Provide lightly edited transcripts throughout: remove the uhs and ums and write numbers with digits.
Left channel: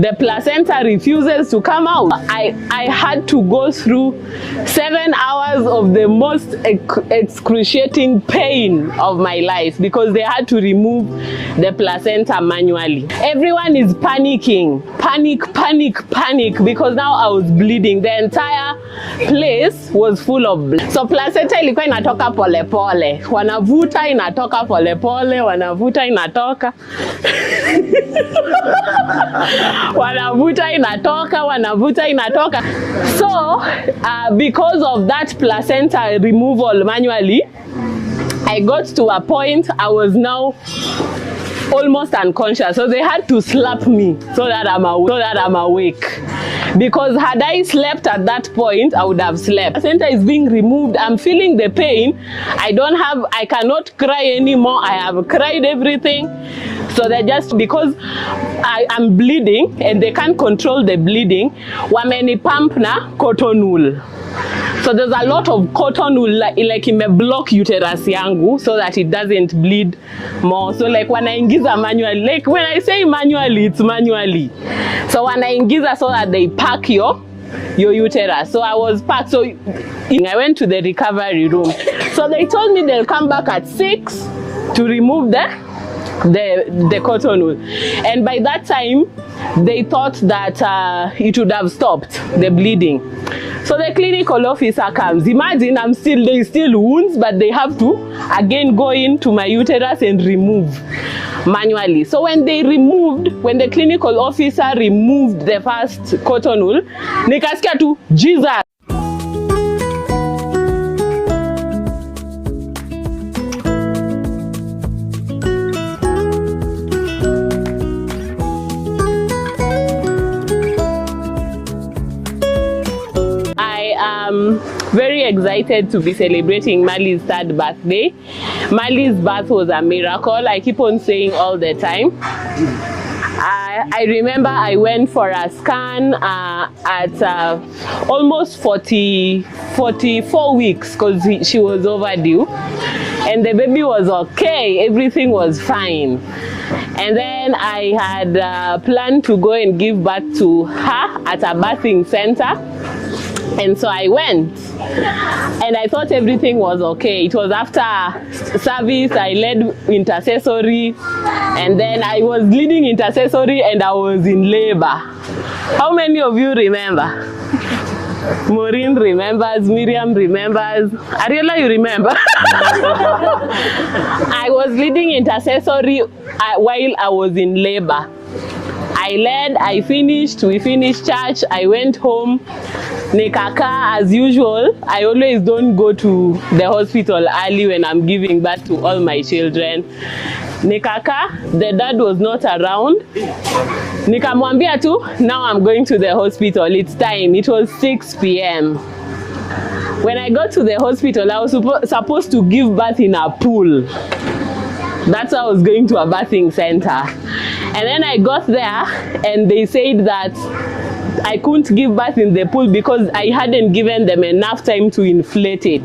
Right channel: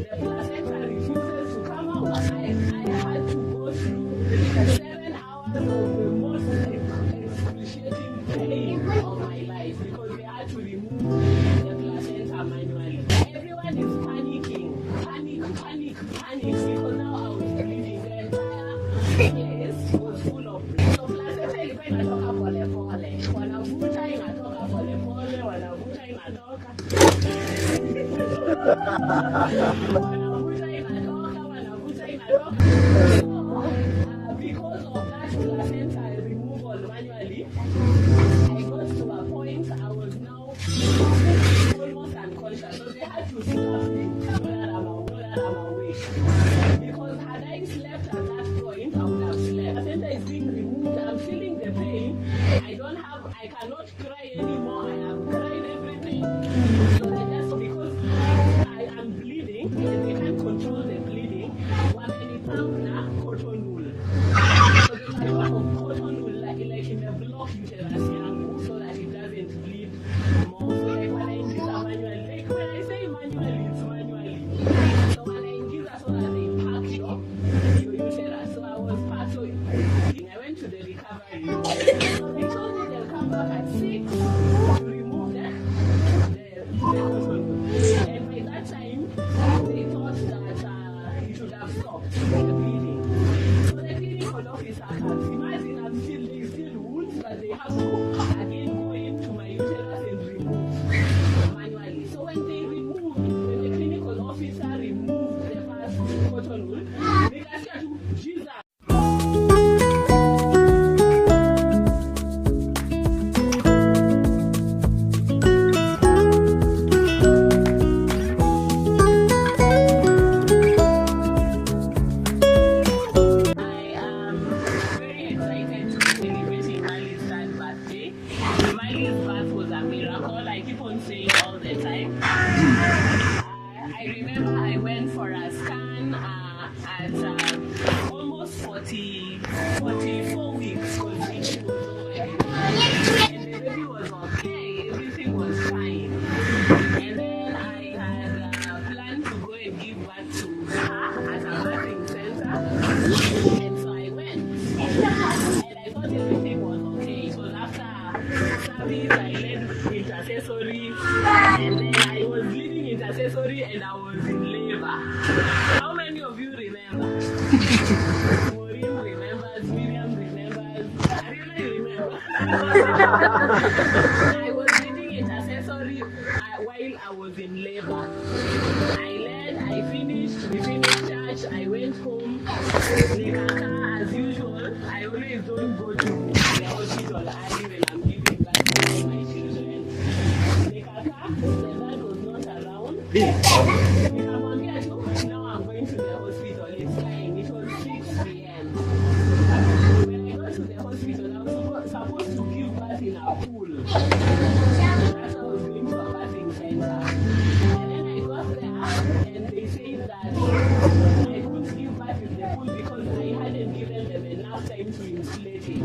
The placenta refuses to come out. I had to go through 7 hours of the most excruciating pain of my life because they had to remove the placenta manually. Everyone is panicking. Panic, because now I was bleeding. The entire place was full of blood. So placenta ilikuwa inatoka pole pole. Wanavuta inatoka pole pole, wanavuta inatoka. Wanavuta inatoka. So because of that placenta removal manually, I got to a point I was now almost unconscious. So they had to slap me so that I'm awake. Because had I slept at that point, I would have slept. Placenta is being removed. I'm feeling the pain. I cannot cry anymore. I have cried everything. So they're just, because I'm bleeding and they can't control the bleeding, wameni pump na cotton wool. So there's a lot of cotton wool like in my block uterus yangu so that it doesn't bleed more. So like when I ingiza manually, like when I say manually, it's manually. So when I ingiza so that they pack your uterus. So I was packed. So I went to the recovery room. So they told me they'll come back at 6 to remove the cotton wool. And by that time, they thought that it would have stopped the bleeding. So the clinical officer comes. Imagine there's still wounds, but they have to again go into my uterus and remove manually. So when the clinical officer removed the first cotton wool, nikasikia tu Jesus. Excited to be celebrating Mali's 3rd birthday. Mali's birth was a miracle. I keep on saying all the time. I remember I went for a scan at almost 44 weeks because she was overdue. And the baby was okay. Everything was fine. And then I had planned to go and give birth to her at a birthing center. And so I went. And I thought everything was okay. It was after service, I led intercessory, and then I was leading intercessory and I was in labor. How many of you remember? Maureen remembers, Miriam remembers, Ariela, you remember? I was leading intercessory while I was in labor. I led, I finished, we finished church, I went home. Nikaka, as usual, I always don't go to the hospital early when I'm giving birth to all my children. Nikaka, the dad was not around. Nikamwambia tu, now I'm going to the hospital, it's time. It was 6 p.m. When I got to the hospital, I was supposed to give birth in a pool. That's why I was going to a birthing center. And then I got there and they said that I couldn't give birth in the pool because I hadn't given them enough time to inflate it.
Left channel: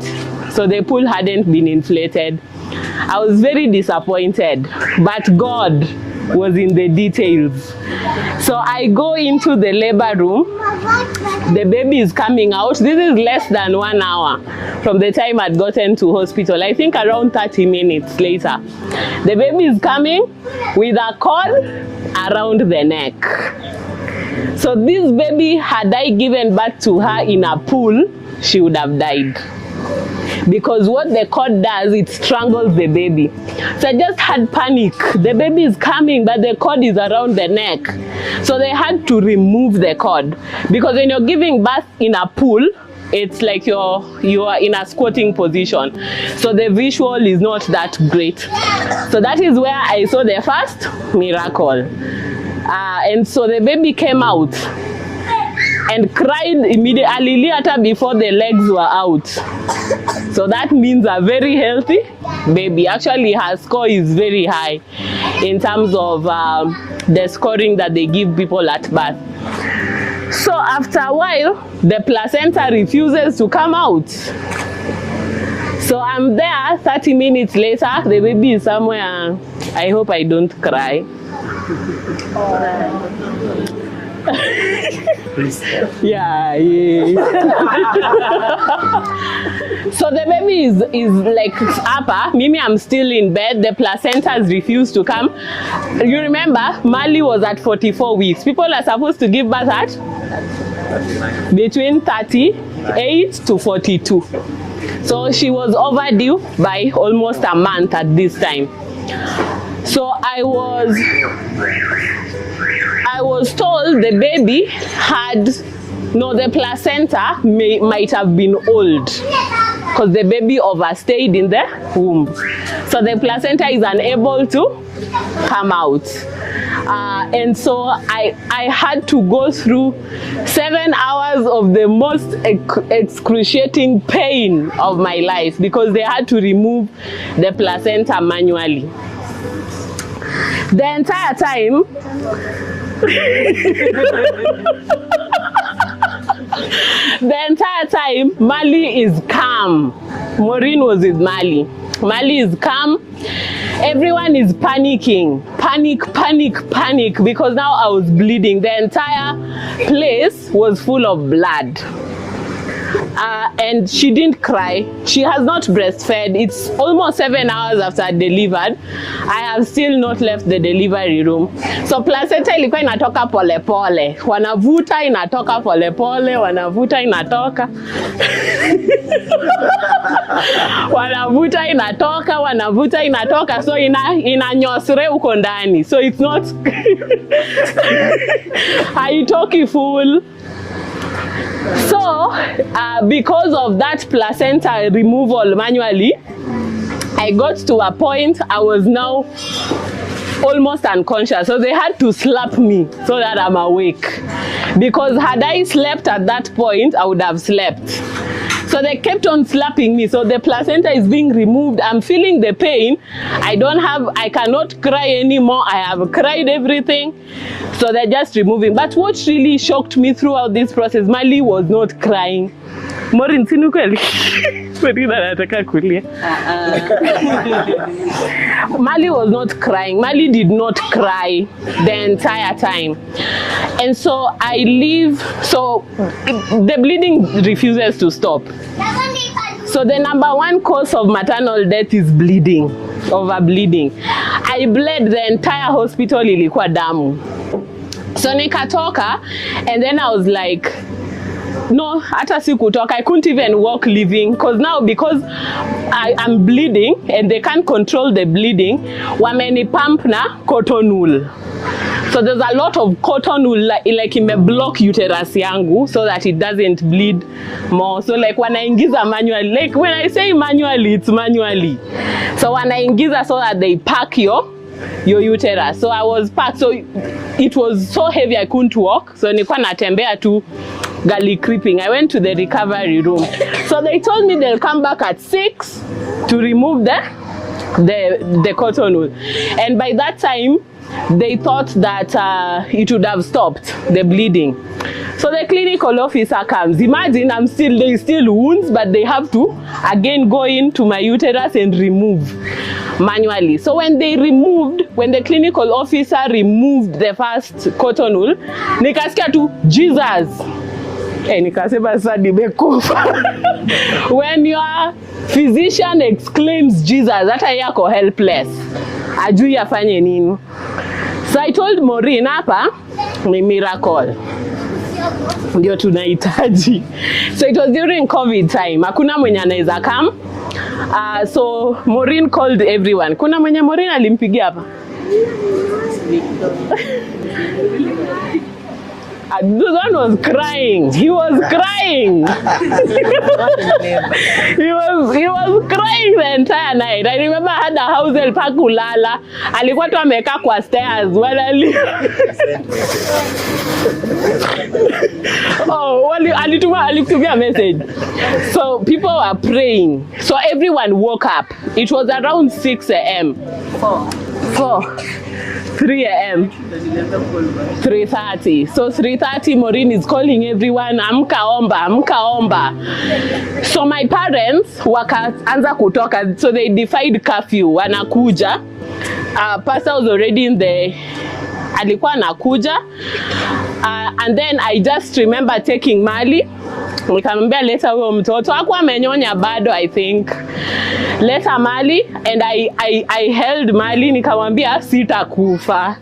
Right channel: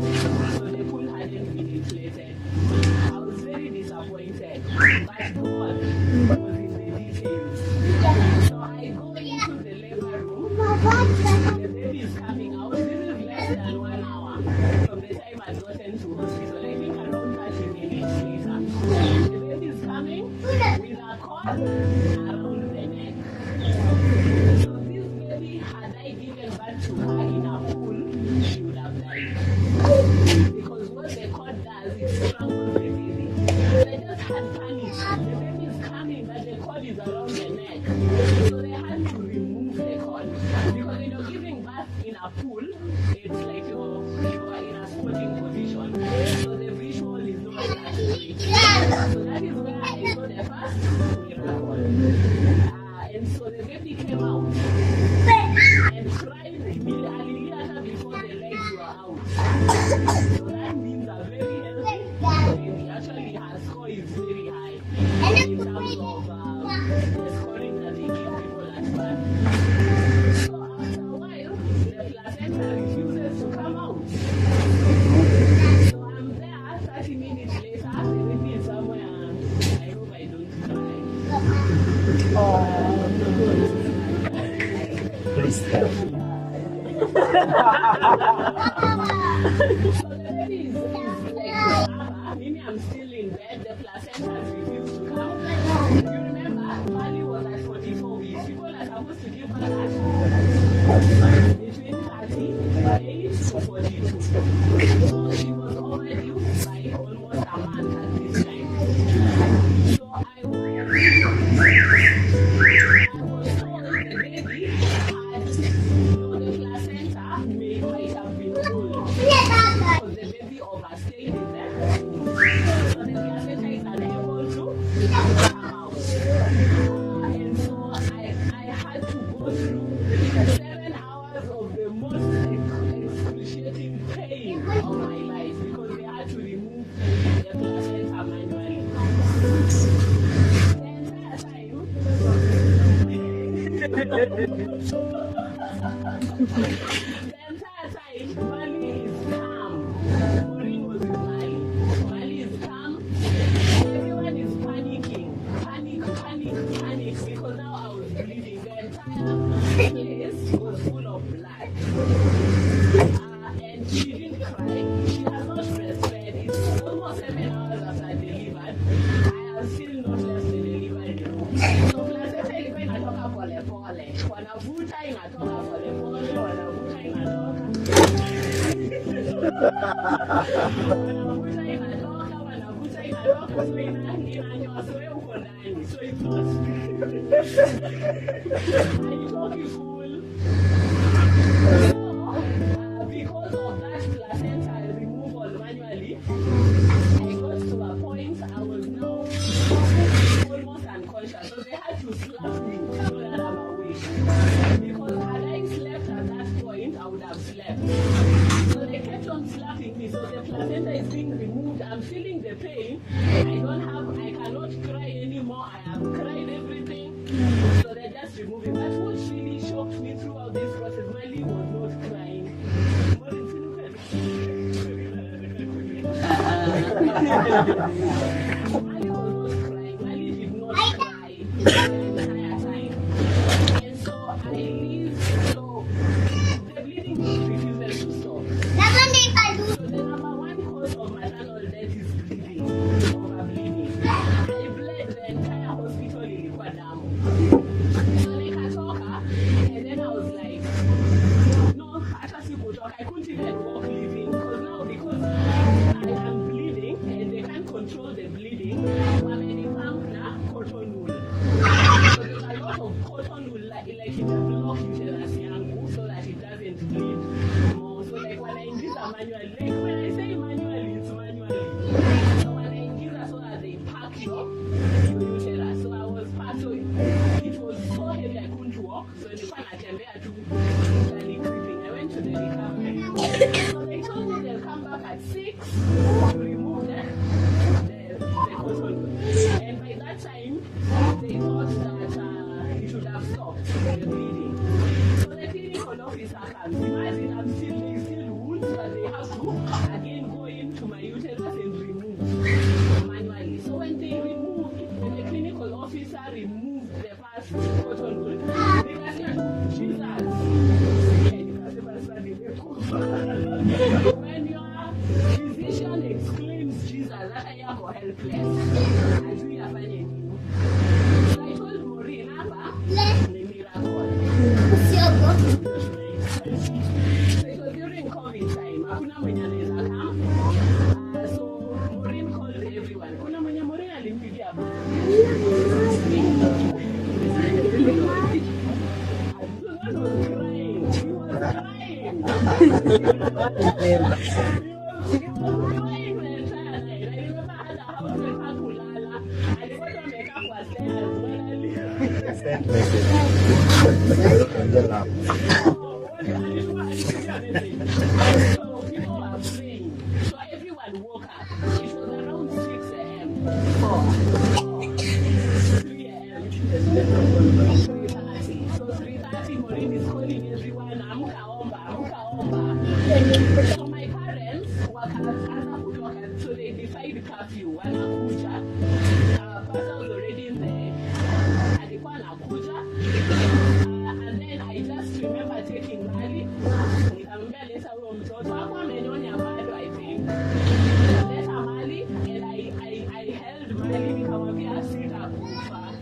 So the pool hadn't been inflated. I was very disappointed, but God was in the details. So I go into the labor room. The baby is coming out. This is less than 1 hour from the time I'd gotten to hospital. I think around 30 minutes later. The baby is coming with a cord around the neck. So this baby, had I given birth to her in a pool, she would have died. Because what the cord does, it strangles the baby. So I just had panic. The baby is coming, but the cord is around the neck. So they had to remove the cord. Because when you're giving birth in a pool, it's like you are in a squatting position. So the visual is not that great. So that is where I saw the first miracle. And so the baby came out and cried immediately before the legs were out. So that means a very healthy baby. Actually, her score is very high in terms of the scoring that they give people at birth. So after a while, the placenta refuses to come out. So I'm there 30 minutes later, the baby is somewhere. I hope I don't cry. Yeah. So the baby is like upper. Mimi, I'm still in bed. The placenta has refused to come. You remember, Mali was at 44 weeks. People are supposed to give birth at between 38 to 42. So she was overdue by almost a month at this time. So I was told the baby had, no, the placenta might have been old because the baby overstayed in the womb. So the placenta is unable to come out. And so I had to go through 7 hours of the most excruciating pain of my life because they had to remove the placenta manually. The entire time, Mali is calm. Maureen was with Mali. Mali is calm. Everyone is panicking. Panic, because now I was bleeding. The entire place was full of blood. And she didn't cry. She has not breastfed. It's almost 7 hours after I delivered. I have still not left the delivery room. So placenta ilikuwa inatoka pole pole. Wanavuta inatoka pole pole, wanavuta inatoka. Wanavuta inatoka. So inanyosre uko ndani. So it's not haitoki full. So, because of that placenta removal manually, I got to a point I was now almost unconscious. So they had to slap me so that I'm awake. Because had I slept at that point, I would have slept. So they kept on slapping me. So the placenta is being removed. I'm feeling the pain. I cannot cry anymore. I have cried everything. So they're just removing. But what really shocked me throughout this process, Mali was not crying. Maureen, sinukweli. Maureen anataka kulia. Mali was not crying. Mali did not cry the entire time. And so I leave. So the bleeding refuses to stop. So the number one cause of maternal death is bleeding, overbleeding. I bled the entire hospital, ilikuwa damu. So nikatoka, and then I was like, no, hata sikutoka. I couldn't even walk living because I'm bleeding and they can't control the bleeding. Wameni pump na cotton wool. So there's a lot of cotton wool like in the block uterus yangu so that it doesn't bleed more. So like wanaingiza manually, like when I say manually, it's manually. So wanaingiza so that they pack your uterus. So I was packed. So it was so heavy I couldn't walk. So nilikuwa natembea tu galley creeping. I went to the recovery room. So they told me they'll come back at 6 to remove the cotton wool. And by that time, they thought that it would have stopped the bleeding. So the clinical officer comes. Imagine there's still wounds, but they have to again go into my uterus and remove manually. So when the clinical officer removed the first cotton wool, nikasikia tu Jesus. Nikasema sasa nimekufa. When your physician exclaims Jesus, hata yako helpless. Ajui afanye nini. So I told Maureen hapa ni miracle. Ndio tunahitaji. So it was during COVID time. Hakuna mwenye anaweza come. So Maureen called everyone. Kuna mwenye Maureen alimpigia hapa? The one was crying. He was crying. he was crying the entire night. I remember I had a house help kulala. Alikuwa tu amekaa kwa stairs. Alitumia message. So people were praying. So everyone woke up. It was around 6 a.m. 3 a.m. 3:30. So 3:30, Maureen is calling everyone, amka omba. So my parents wakaanza kutoka. So they defied curfew. Wanakuja. Pastor was already in the alikuwa anakuja. And then I just remember taking Mali. Nikamwambia leta huyo mtoto. Hakuwa amenyonya bado, I think. Leta Mali, and I held Mali, nikamwambia sitakufa.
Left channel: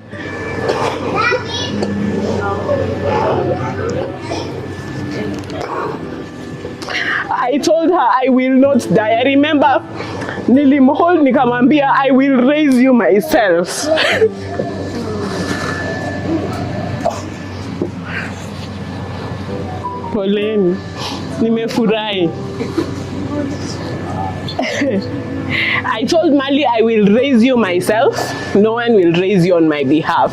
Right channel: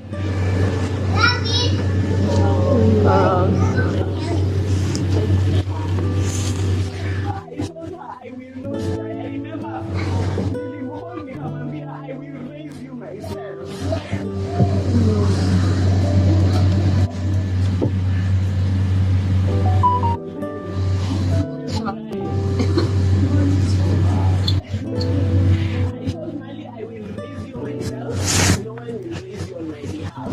I told her I will not die. I remember nilimhold nikamwambia I will raise you myself. Poleni, nimefurahi. I told Mali I will raise you myself. No one will raise you on my behalf.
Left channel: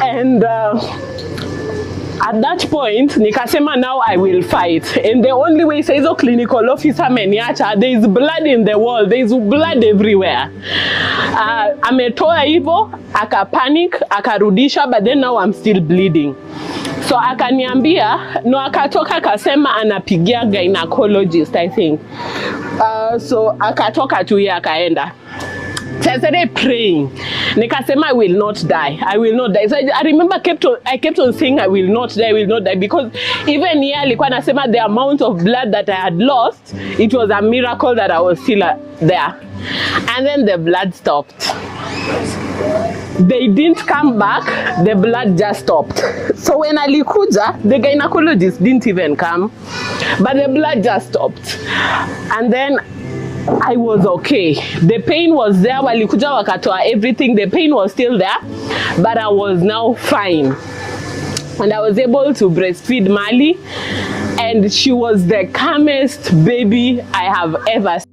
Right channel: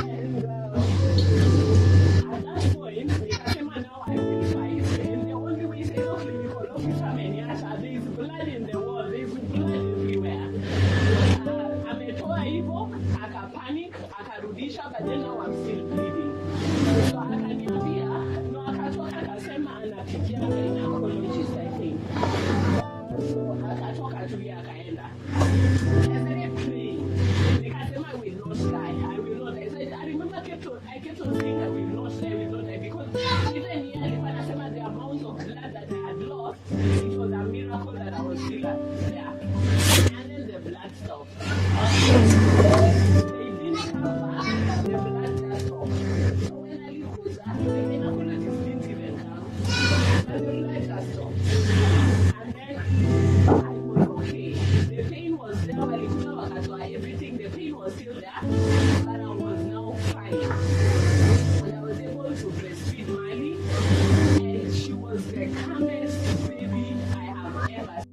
And at that point, nikasema now I will fight. And the only way says a clinical officer meniacha, there is blood in the wall, there is blood everywhere. Ametoa hivyo, akapanic, akarudisha, but then now I'm still bleeding. So akaniambia, no, akatoka akasema anapigia gynecologist, I think. So akatoka tu yeye akaenda. So I started praying. Nikasema I will not die. I will not die. So I remember I kept on saying I will not die, I will not die, because even here alikuwa anasema the amount of blood that I had lost, it was a miracle that I was still there. And then the blood stopped. They didn't come back, the blood just stopped. So when alikuja, the gynecologist didn't even come, but the blood just stopped. And then I was okay. The pain was there, walikuja wakatoa everything, the pain was still there, but I was now fine. And I was able to breastfeed Mali, and she was the calmest baby I have ever seen.